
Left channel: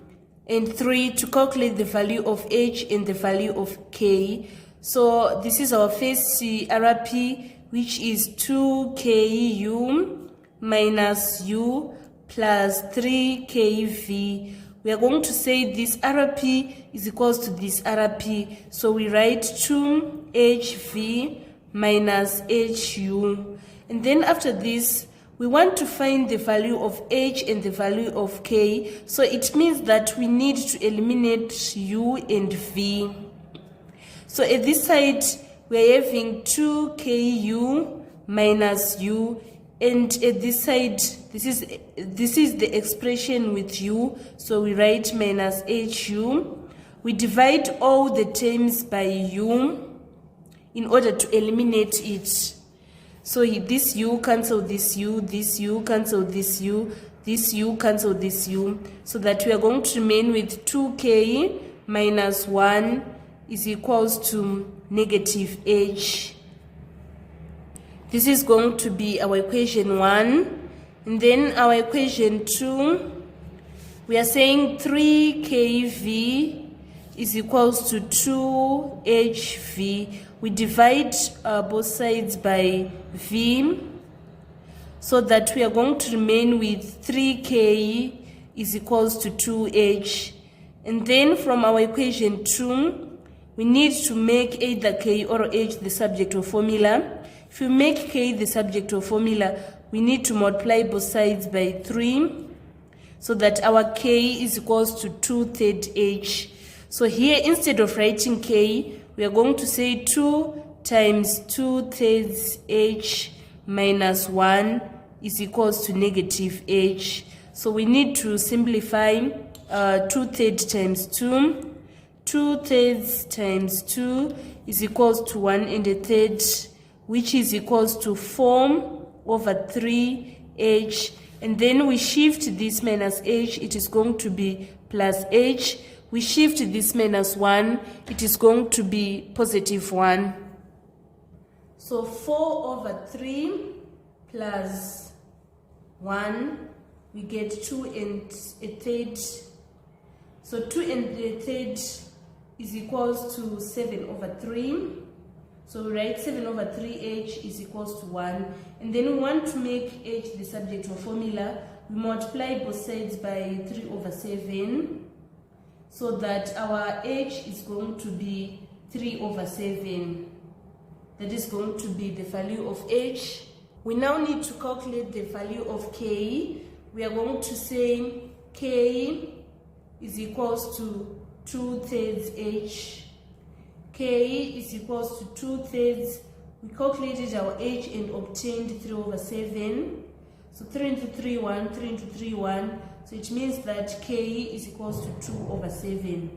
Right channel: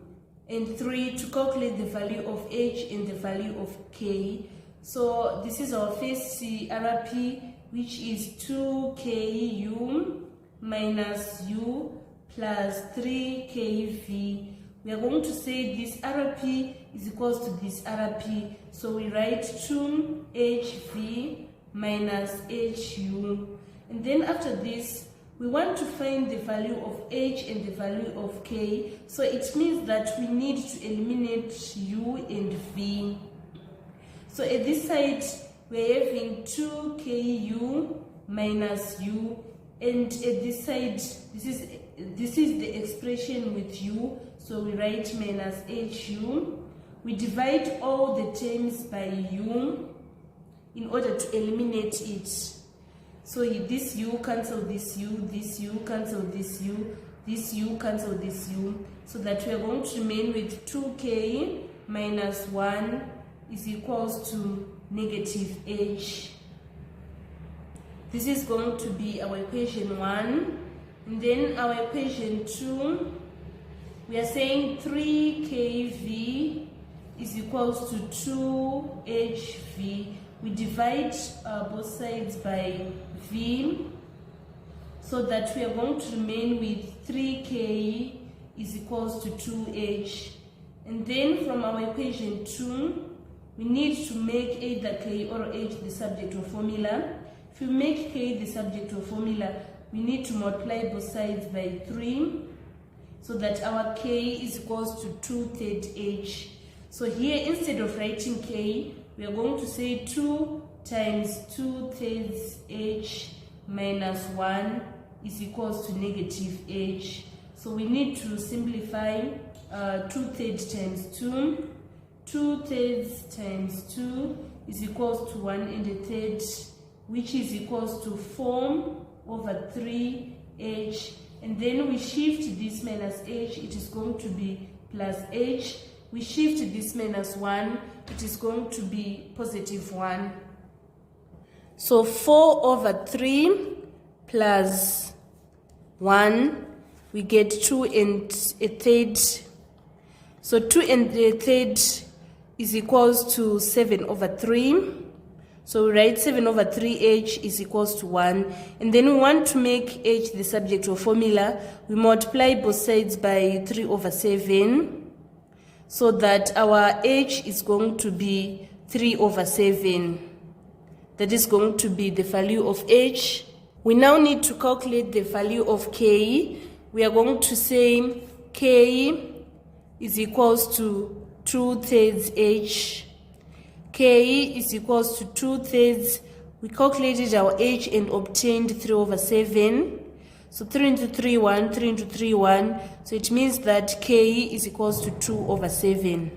and 3 to calculate the value of H and the value of K. So this is our first RP, which is 2KU minus U plus 3KV. We are going to say this RP is equals to this RP. So we write 2HV minus HU. And then after this, we want to find the value of H and the value of K. So it means that we need to eliminate U and V. So at this side, we are having 2KU minus U. And at this side, this is the expression with U. So we write minus HU. We divide all the terms by U in order to eliminate it. So this U cancel this U, this U cancel this U, this U cancel this U, so that we are going to remain with 2K minus 1 is equals to negative H. This is going to be our equation 1. And then our equation 2, we are saying 3KV is equals to 2HV. We divide both sides by V so that we are going to remain with 3K is equals to 2H. And then from our equation 2, we need to make either K or H the subject of formula. If we make K the subject of formula, we need to multiply both sides by 3 so that our K is equals to 2/3 H. So here, instead of writing K, we are going to say 2 times 2/3 h minus 1 is equals to negative h. So we need to simplify 2/3 times 2. 2/3 times 2 is equals to 1/3, which is equals to 4/3h. And then we shift this minus h, it is going to be plus h. We shift this minus 1, it is going to be positive 1. So 4/3 plus 1, we get 2/3. So 2/3 is equals to 7/3. So we write 7/3h is equals to 1. And then we want to make h the subject of formula. We multiply both sides by 3/7. So that our h is going to be 3/7. That is going to be the value of h. We now need to calculate the value of k. We are going to say k is equals to 2/3 h. K is equals to 2/3. We calculated our h and obtained 3/7. So 3 into 3, 1, 3 into 3, 1. So it means that k is equals to 2/7.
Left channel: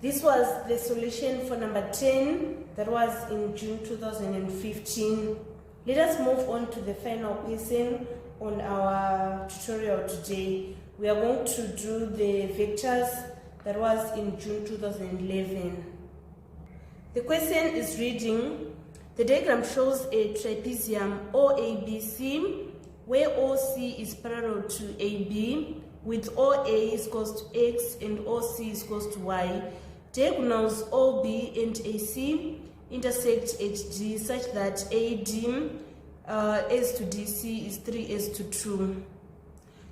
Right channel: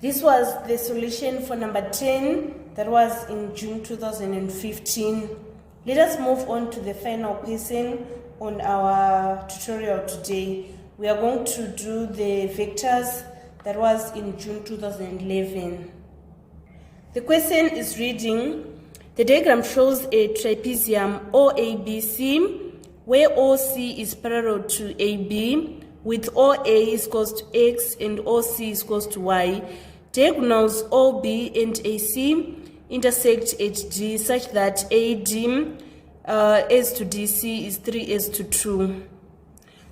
This was the solution for number 10. That was in June 2015. Let us move on to the final question on our tutorial today. We are going to do the vectors. That was in June 2011. The question is reading, the diagram shows a trapezium OABC where OC is parallel to AB with OA is equals to X and OC is equals to Y. Diagonals OB and AC intersect at D such that AD as to DC is 3:2.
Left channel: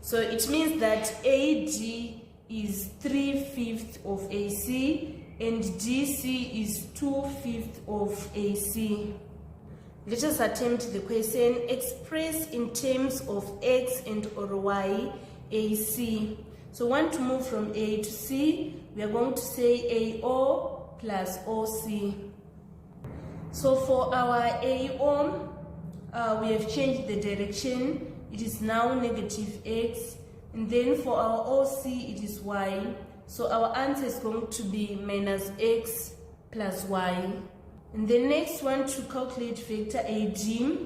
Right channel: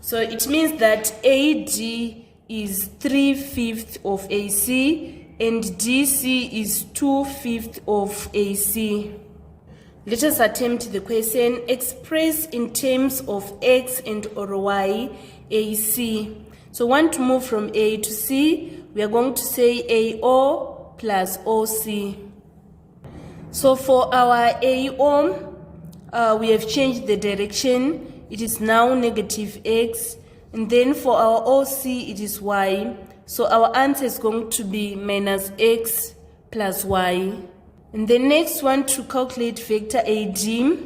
So it means that AD is 3/5 of AC and DC is 2/5 of AC. Let us attempt the question. Express in terms of X and or Y AC. So we want to move from A to C. We are going to say AO plus OC. So for our AO, we have changed the direction. It is now negative X. And then for our OC, it is Y. So our answer is going to be minus X plus Y. And the next one to calculate vector AD.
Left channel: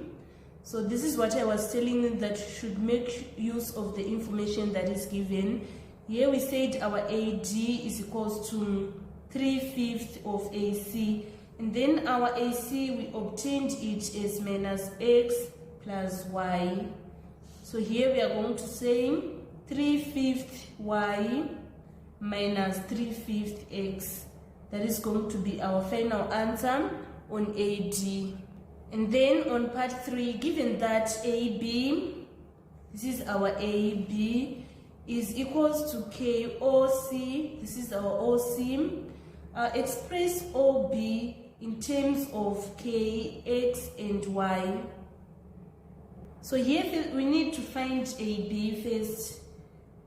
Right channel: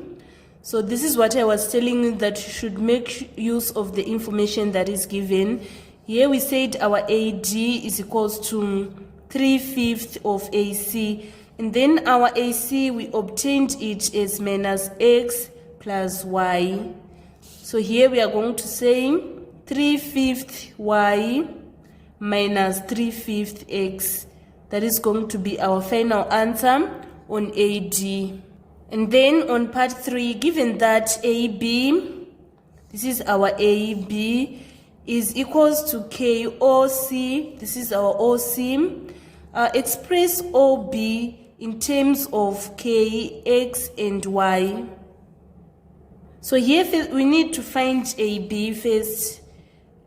So this is what I was telling you, that you should make use of the information that is given. Here we said our AD is equals to 3/5 of AC. And then our AC, we obtained it as minus X plus Y. So here we are going to say 3/5 Y minus 3/5 X. That is going to be our final answer on AD. And then on part 3, given that AB, this is our AB, is equals to KOC, this is our OC, express OB in terms of K, X, and Y. So here we need to find AB first.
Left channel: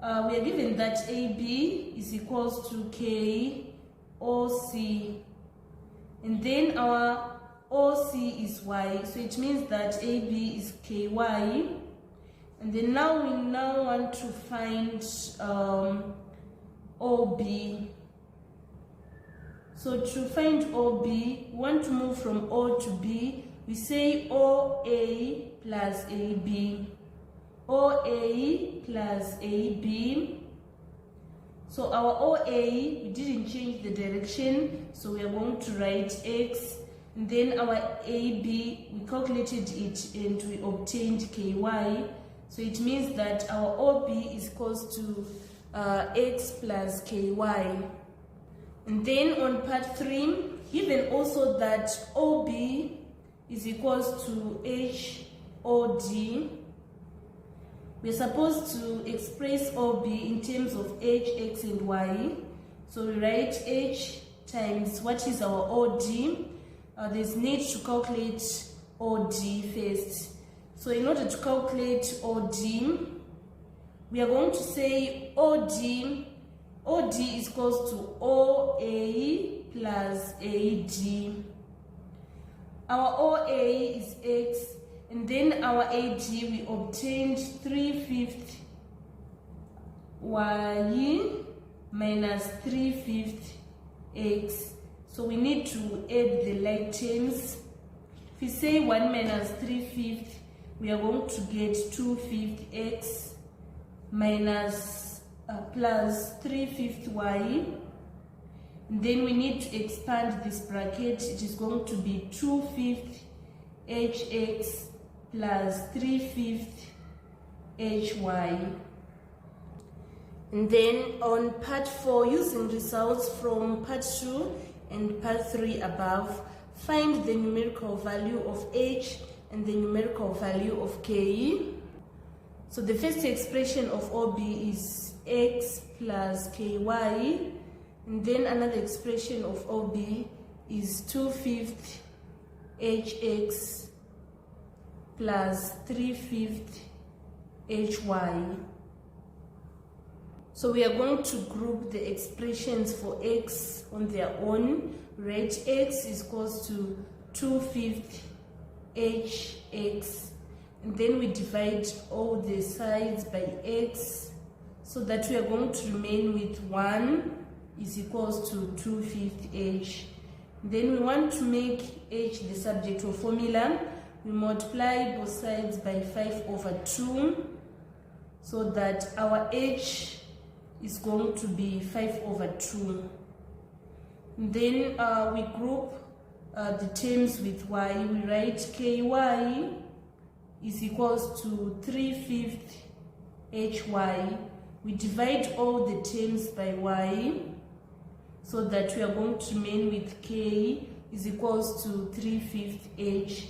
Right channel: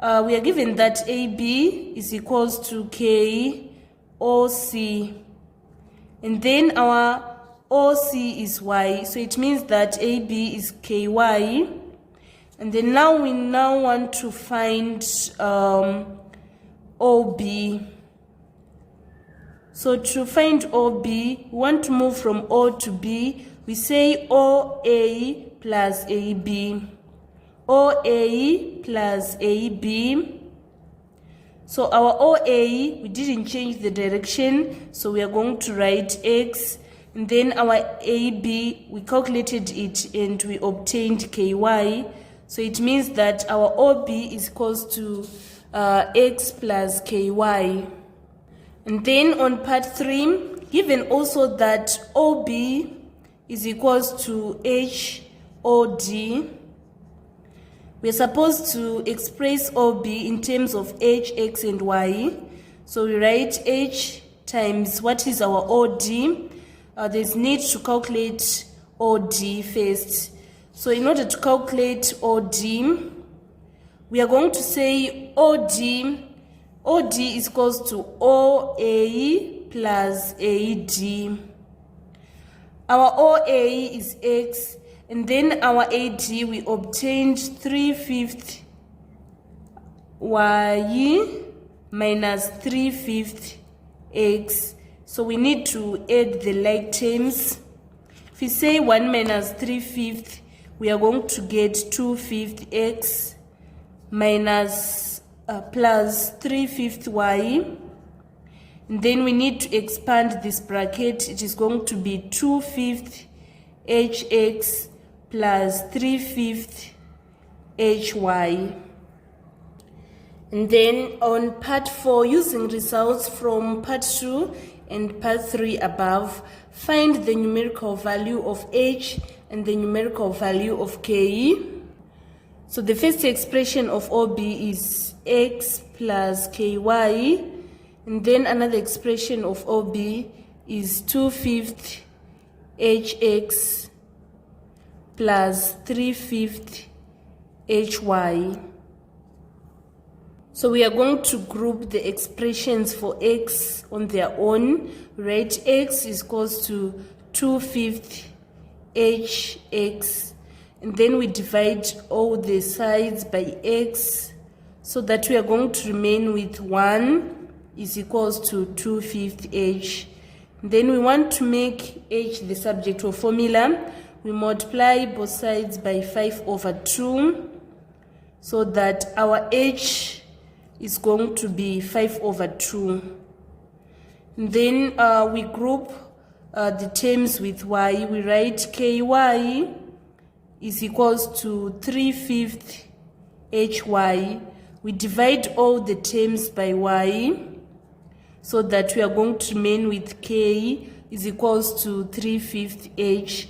We are given that AB is equals to KOC. And then our OC is Y. So it means that AB is KY. And then now we want to find OB. So to find OB, we want to move from O to B. We say OA plus AB. OA plus AB. So our OA, we didn't change the direction, so we are going to write X. And then our AB, we calculated it and we obtained KY. So it means that our OB is equals to X plus KY. And then on part 3, given also that OB is equals to HOD, we are supposed to express OB in terms of H, X, and Y. So we write H times what is our OD. There's need to calculate OD first. So in order to calculate OD, we are going to say OD OD is equals to OA plus AD. Our OA is X, and then our AD we obtained 3/5 Y minus 3/5 X. So we need to add the like terms. If we say 1 minus 3/5, we are going to get 2/5 X minus plus 3/5 Y. And then we need to expand this bracket. It is going to be 2/5 HX plus 3/5 HY. And then on part 4, using results from part 2 and part 3 above, find the numerical value of H and the numerical value of K. So the first expression of OB is X plus KY. And then another expression of OB is 2/5 HX plus 3/5 HY. So we are going to group the expressions for X on their own. Right, X is equals to 2/5 HX, and then we divide all the sides by X, so that we are going to remain with 1 is equals to 2/5 H. Then we want to make H the subject of formula. We multiply both sides by 5/2, so that our H is going to be 5/2. And then we group the terms with Y. We write KY is equals to 3/5 HY. We divide all the terms by Y, so that we are going to remain with K is equals to 3/5 H.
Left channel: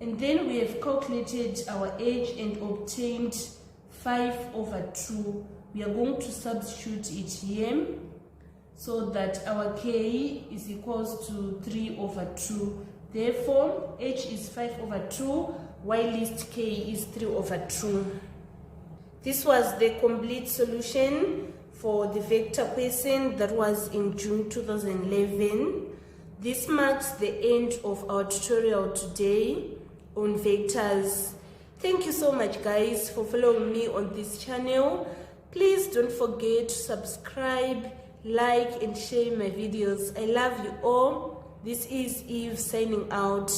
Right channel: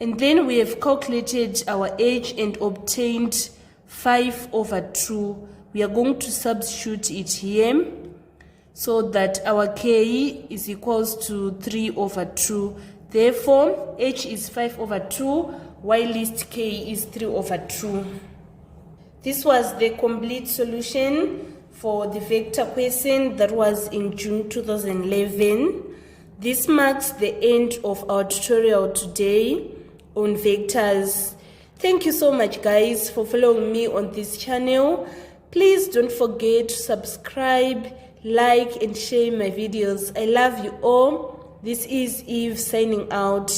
And then we have calculated our H and obtained 5/2. We are going to substitute it here, so that our K is equals to 3/2. Therefore, H is 5/2, while list K is 3/2. This was the complete solution for the vector question that was in June 2011. This marks the end of our tutorial today on vectors. Thank you so much, guys, for following me on this channel. Please don't forget to subscribe, like, and share my videos. I love you all. This is Eve signing out.